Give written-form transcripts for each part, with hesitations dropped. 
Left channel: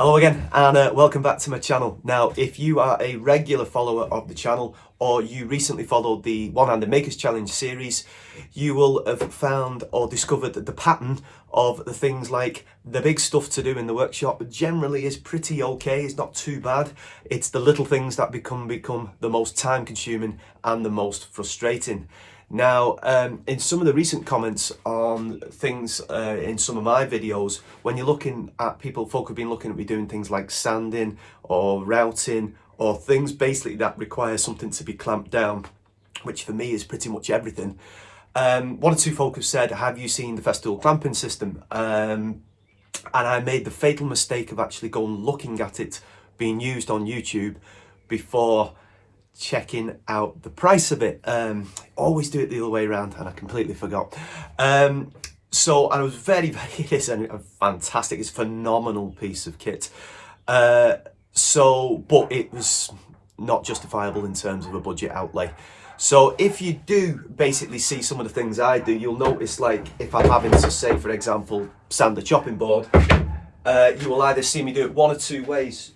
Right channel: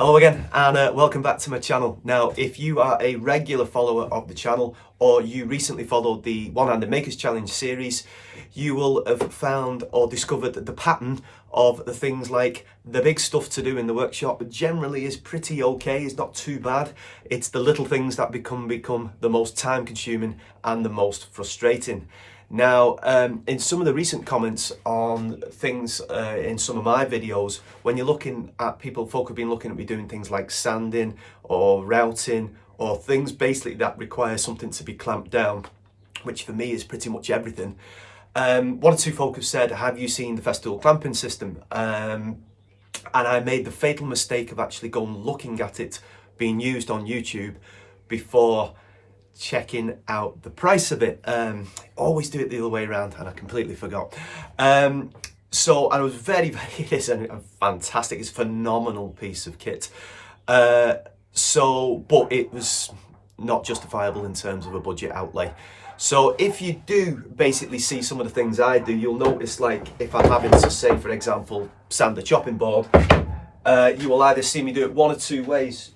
Hello again, and welcome back to my channel. Now, if you are a regular follower of the channel, or you recently followed the One-Handed Makers Challenge series, you will have found or discovered that the pattern of the things like the big stuff to do in the workshop generally is pretty okay. It's not too bad. It's the little things that become the most time consuming and the most frustrating. Now, in some of the recent comments on things in some of my videos, when you're looking at folk have been looking at me doing things like sanding or routing or things basically that require something to be clamped down, which for me is pretty much everything. One or two folk have said, have you seen the Festool Clamping System? And I made the fatal mistake of actually going looking at it being used on YouTube before checking out the price of it. Always do it the other way around, and I completely forgot. And I was very it's a fantastic, it's a phenomenal piece of kit. But it was not justifiable in terms of a budget outlay. So if you do basically see some of the things I do, you'll notice, like if I'm having to, say for example, sand the chopping board, you will either see me do it one or two ways.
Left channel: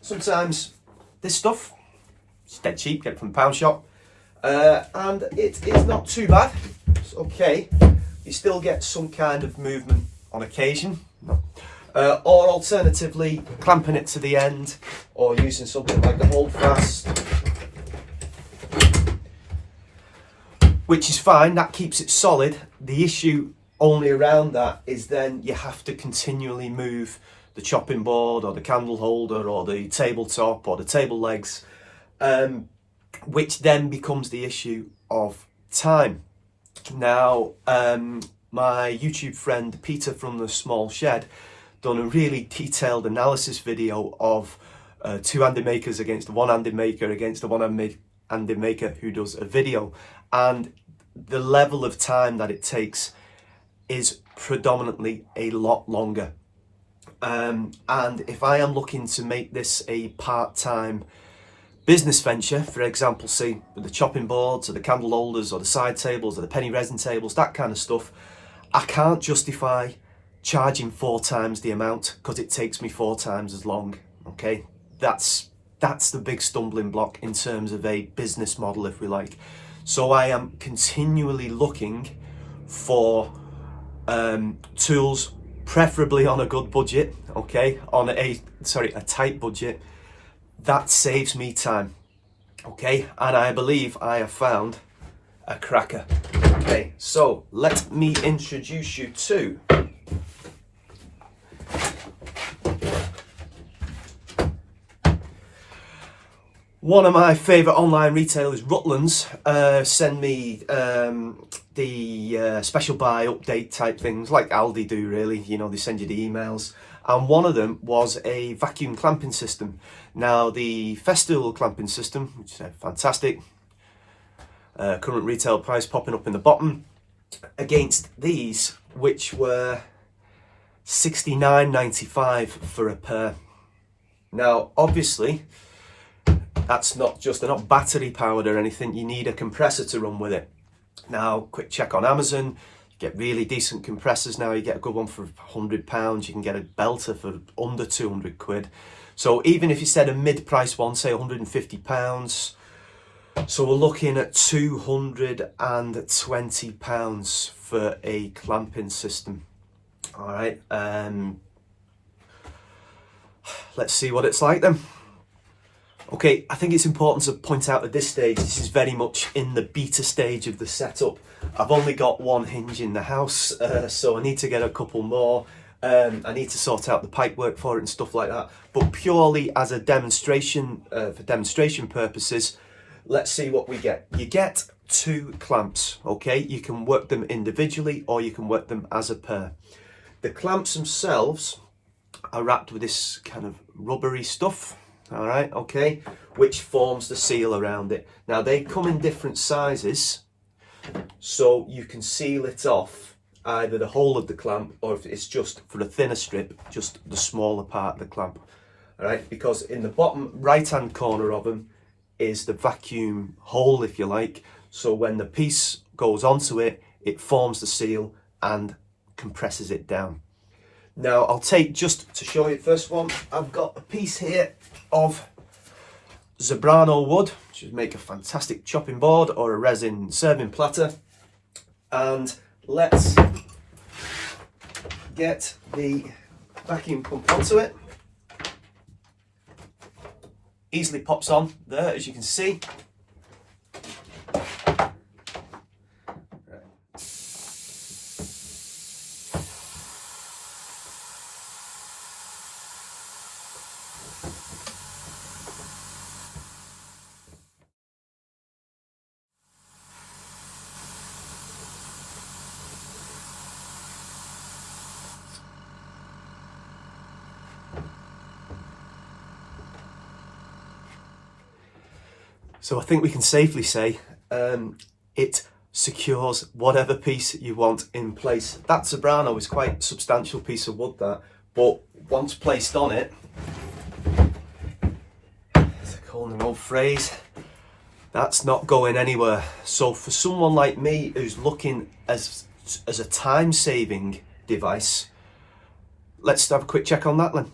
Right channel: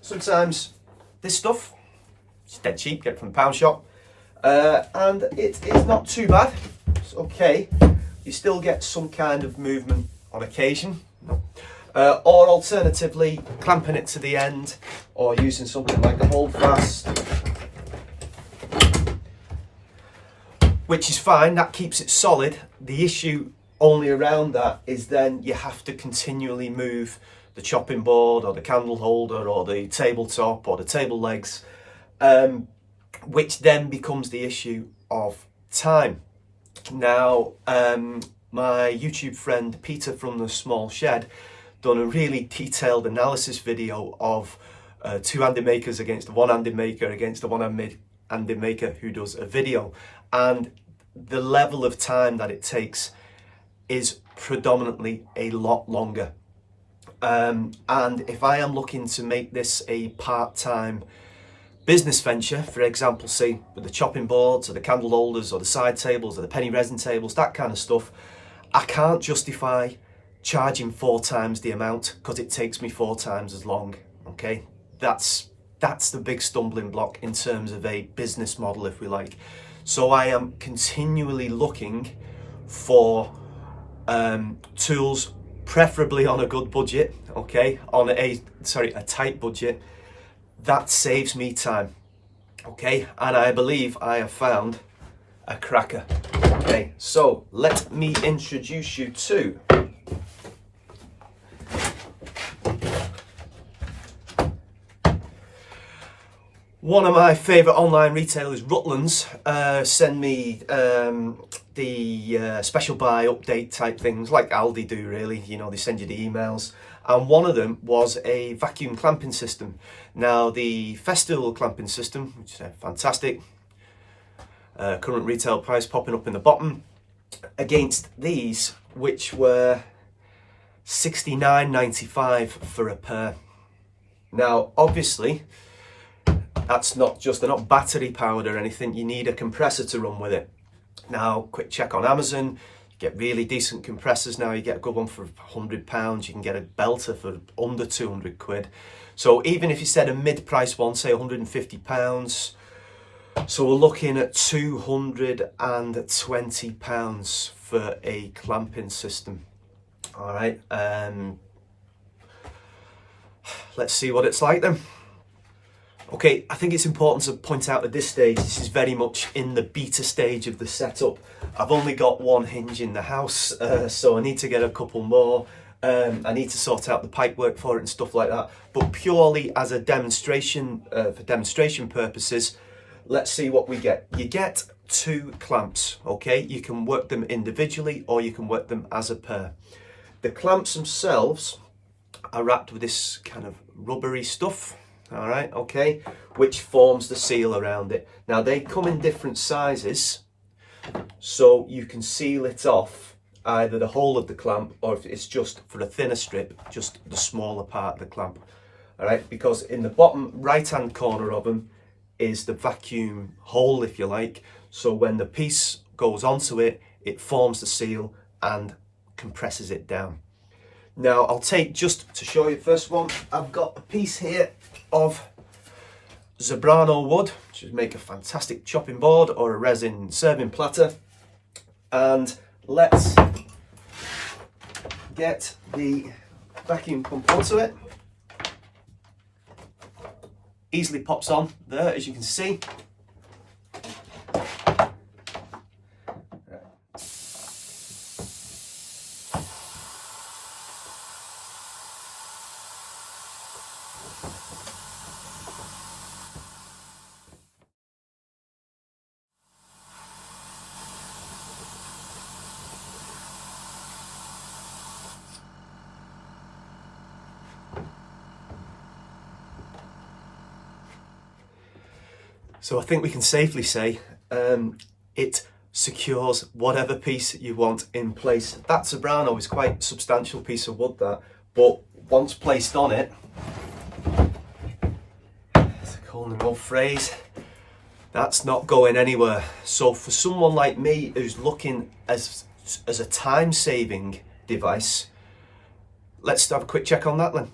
Sometimes this stuff, it's dead cheap, get it from the pound shop, and it is not too bad. It's okay. You still get some kind of movement on occasion. No. Or alternatively, clamping it to the end, or using something like the hold fast, which is fine, that keeps it solid. The issue only around that is then you have to continually move the chopping board or the candle holder or the tabletop or the table legs, which then becomes the issue of time. Now, my YouTube friend Peter from the Small Shed done a really detailed analysis video of two-handed makers against a one-handed maker against a one-handed maker who does a video, and the level of time that it takes is predominantly a lot longer. And if I am looking to make this a part-time business venture, for example, say with the chopping boards or the candle holders or the side tables or the penny resin tables, that kind of stuff, I can't justify charging 4 times the amount because it takes me 4 times as long. Okay, that's the big stumbling block in terms of a business model, if we like. So I am continually looking for tools, preferably on a good budget, okay, on a tight budget, that saves me time, okay, and I believe I have found a cracker. Okay, so let me introduce you to one of my favourite online retailers, Rutlands. Send me the special buy update type things like Aldi do, really. You know, they send you the emails. And one of them was a vacuum clamping system. Now, the Festool clamping system, which is fantastic, current retail price popping up in the bottom, against these, which were $69.95 for a pair. Now, obviously, that's not just, they're not battery powered or anything. You need a compressor to run with it. Now, quick check on Amazon. Get really decent compressors now. You get a good one for £100. You can get a belter for under 200 quid. So even if you said a mid-price one, say £150, so we're looking at £220 for a clamping system. All right, let's see what it's like then. Okay, I think it's important to point out at this stage, this is very much in the beta stage of the setup. I've only got one hinge in the house, so I need to get a couple more. I need to sort out the pipework for it and stuff like that. But purely as a demonstration, for demonstration purposes, let's see what we get. You get 2 clamps, okay? You can work them individually or you can work them as a pair. The clamps themselves are wrapped with this kind of rubbery stuff. All right, okay, which forms the seal around it. Now, they come in different sizes, so you can seal it off, either the whole of the clamp, or if it's just for a thinner strip, just the smaller part of the clamp. All right, because in the bottom right-hand corner of them is the vacuum hole, if you like. So when the piece goes onto it, it forms the seal and compresses it down. Now I'll take, just to show you the first one, I've got a piece here of Zebrano wood, which would make a fantastic chopping board or a resin serving platter. And let's get the vacuum pump onto it. Easily pops on there, as you can see. So I think we can safely say it secures whatever piece you want in place. That Zebrano is quite a substantial piece of wood, that, but once placed on it, it's a culinary phrase, that's not going anywhere. So for someone like me who's looking as a time-saving device, let's have a quick check on that then.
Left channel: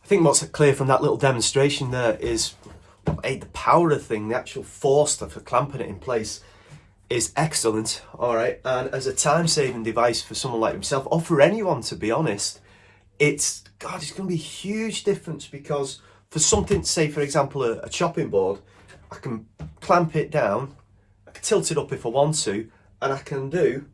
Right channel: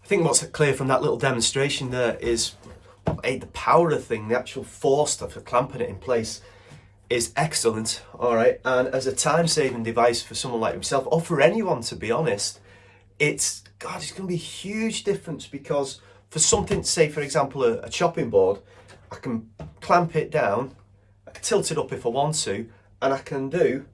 I think what's clear from that little demonstration there is the power of the thing, the actual force for clamping it in place is excellent, all right? And as a time-saving device for someone like himself, or for anyone, to be honest, it's going to be a huge difference, because for something, say, for example, a chopping board, I can clamp it down, I can tilt it up if I want to, and I can do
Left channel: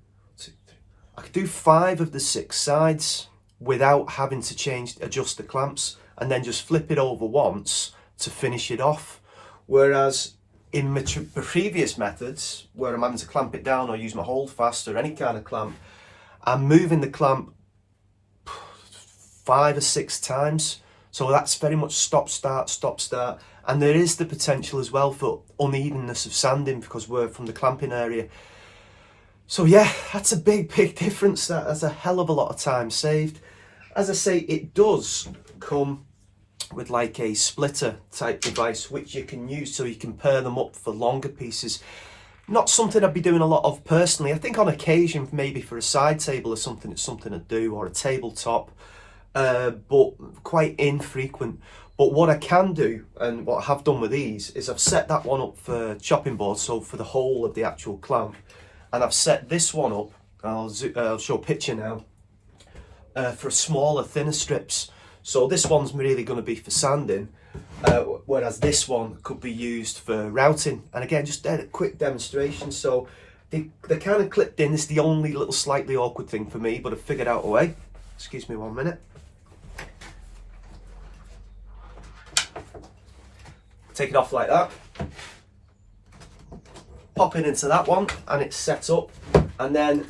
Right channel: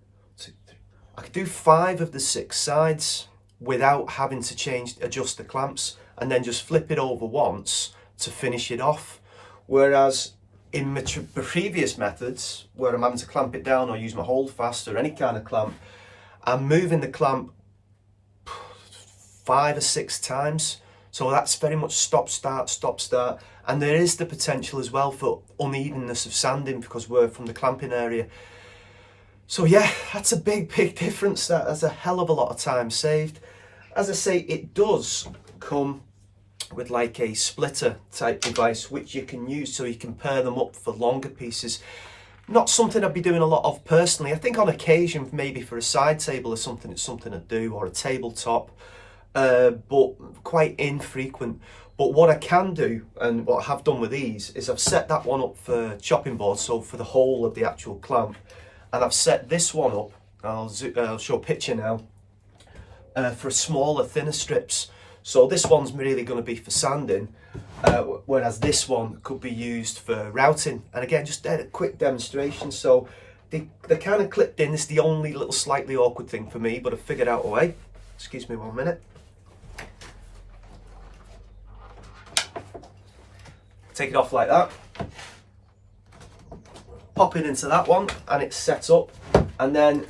5 of the 6 sides without having to adjust the clamps, and then just flip it over once to finish it off. Whereas in previous methods, where I'm having to clamp it down or use my hold fast or any kind of clamp, I'm moving the clamp 5 or 6 times. So that's very much stop, start, stop, start. And there is the potential as well for unevenness of sanding, because we're from the clamping area. So yeah, that's a big difference. That's a hell of a lot of time saved. As I say, it does come with like a splitter type device, which you can use so you can pair them up for longer pieces. Not something I'd be doing a lot of personally. I think on occasion, maybe for a side table or something, it's something I'd do, or a tabletop, but quite infrequent. But what I can do, and what I have done with these, is I've set that one up for chopping board, so for the whole of the actual clamp, and I've set this one up, I'll show a picture now, for smaller, thinner strips. So this one's really going to be for sanding, whereas this one could be used for routing. And again, just a quick demonstration. So they're kind of clipped in. It's the only little slightly awkward thing for me, but I've figured out a way. Excuse me 1 minute. Take it off like that. Pop it into that one, and it's set up. And then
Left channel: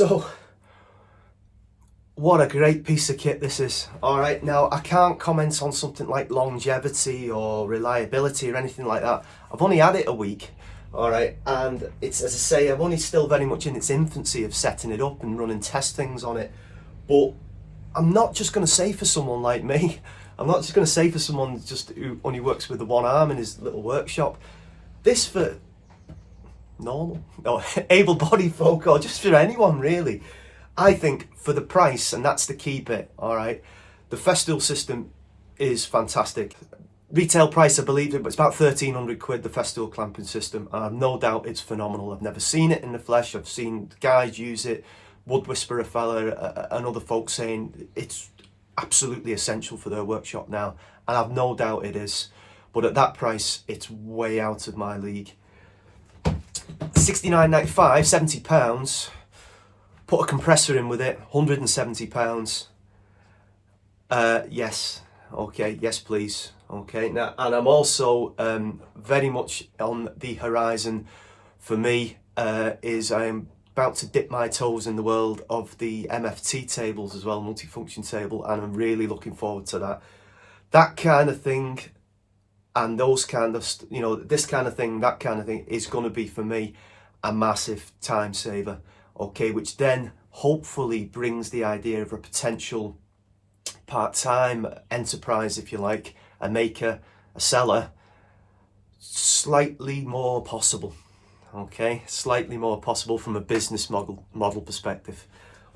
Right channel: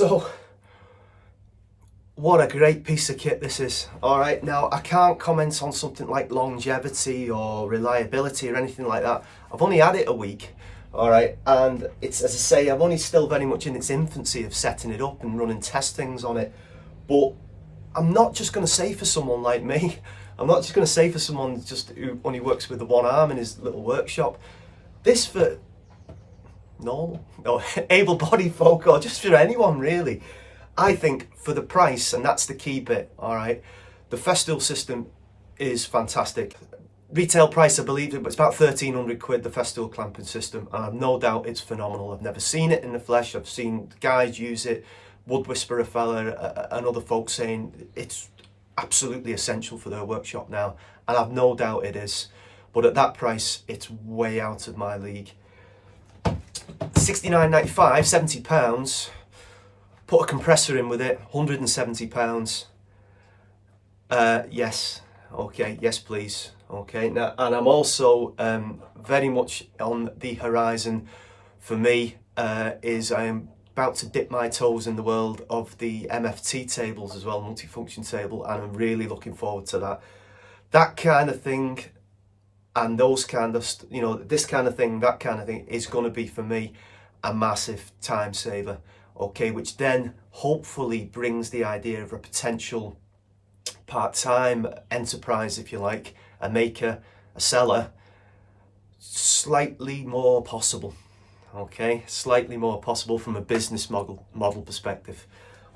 So what a great piece of kit this is. All right, now I can't comment on something like longevity or reliability or anything like that. I've only had it a week, all right, and it's, as I say, I'm only still very much in its infancy of setting it up and running test things on it. But I'm not just going to say for someone like me, I'm not just going to say for someone just who only works with the one arm in his little workshop, this for normal or able-bodied folk, or just for anyone really. I think for the price, and that's the key bit, all right, the Festool system is fantastic. Retail price, I believe, it's about 1,300 quid, the Festool clamping system, and I've no doubt it's phenomenal. I've never seen it in the flesh. I've seen guys use it, Wood Whisperer fella and other folks saying it's absolutely essential for their workshop now, and I've no doubt it is. But at that price, it's way out of my league. £69.95, £70. Put a compressor in with it, £170. Yes, okay, yes please. Okay, now, and I'm also very much on the horizon for me is I'm about to dip my toes in the world of the MFT tables as well, multifunction table, and I'm really looking forward to that. That kind of thing, and those kind of, you know, this kind of thing, that kind of thing is going to be for me a massive time saver. Okay, which then hopefully brings the idea of a potential part-time enterprise, if you like, a maker, a seller, slightly more possible. Okay, slightly more possible from a business model perspective.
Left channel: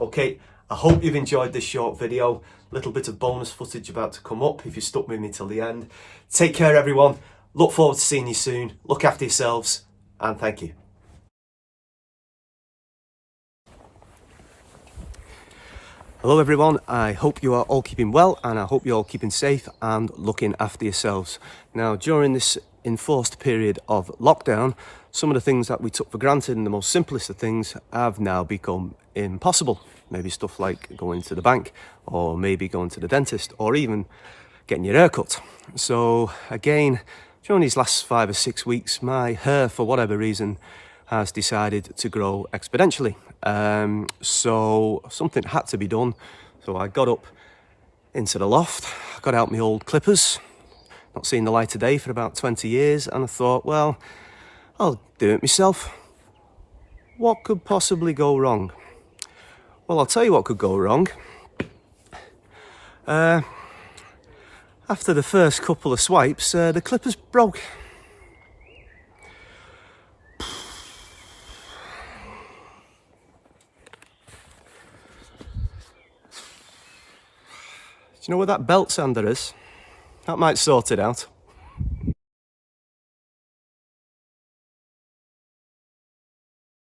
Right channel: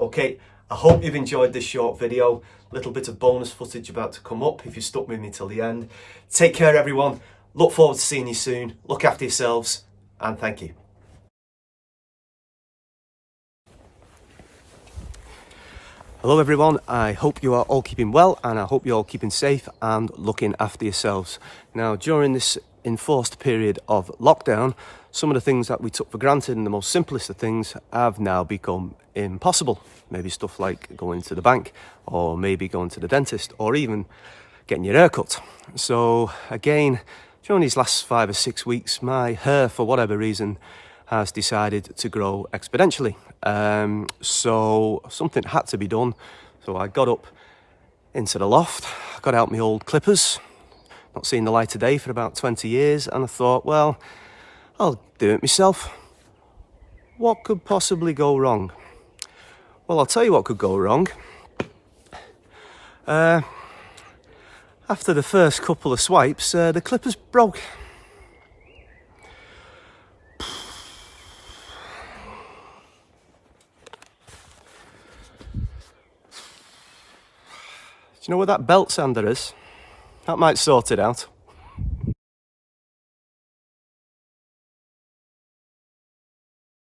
Okay, I hope you've enjoyed this short video. Little bit of bonus footage about to come up if you stuck with me till the end. Take care, everyone. Look forward to seeing you soon. Look after yourselves, and thank you. Hello everyone, I hope you are all keeping well, and I hope you're all keeping safe and looking after yourselves. Now, during this enforced period of lockdown, some of the things that we took for granted and the most simplest of things have now become impossible. Maybe stuff like going to the bank, or maybe going to the dentist, or even getting your hair cut. So again, during these last 5 or 6 weeks, my hair, for whatever reason, has decided to grow exponentially. So something had to be done. So I got up into the loft, got out my old clippers, not seen the light of day for about 20 years, and I thought, well, I'll do it myself. What could possibly go wrong? Well, I'll tell you what could go wrong. After the first couple of swipes, the clippers broke. Do you know where that belt sander is? That might sort it out.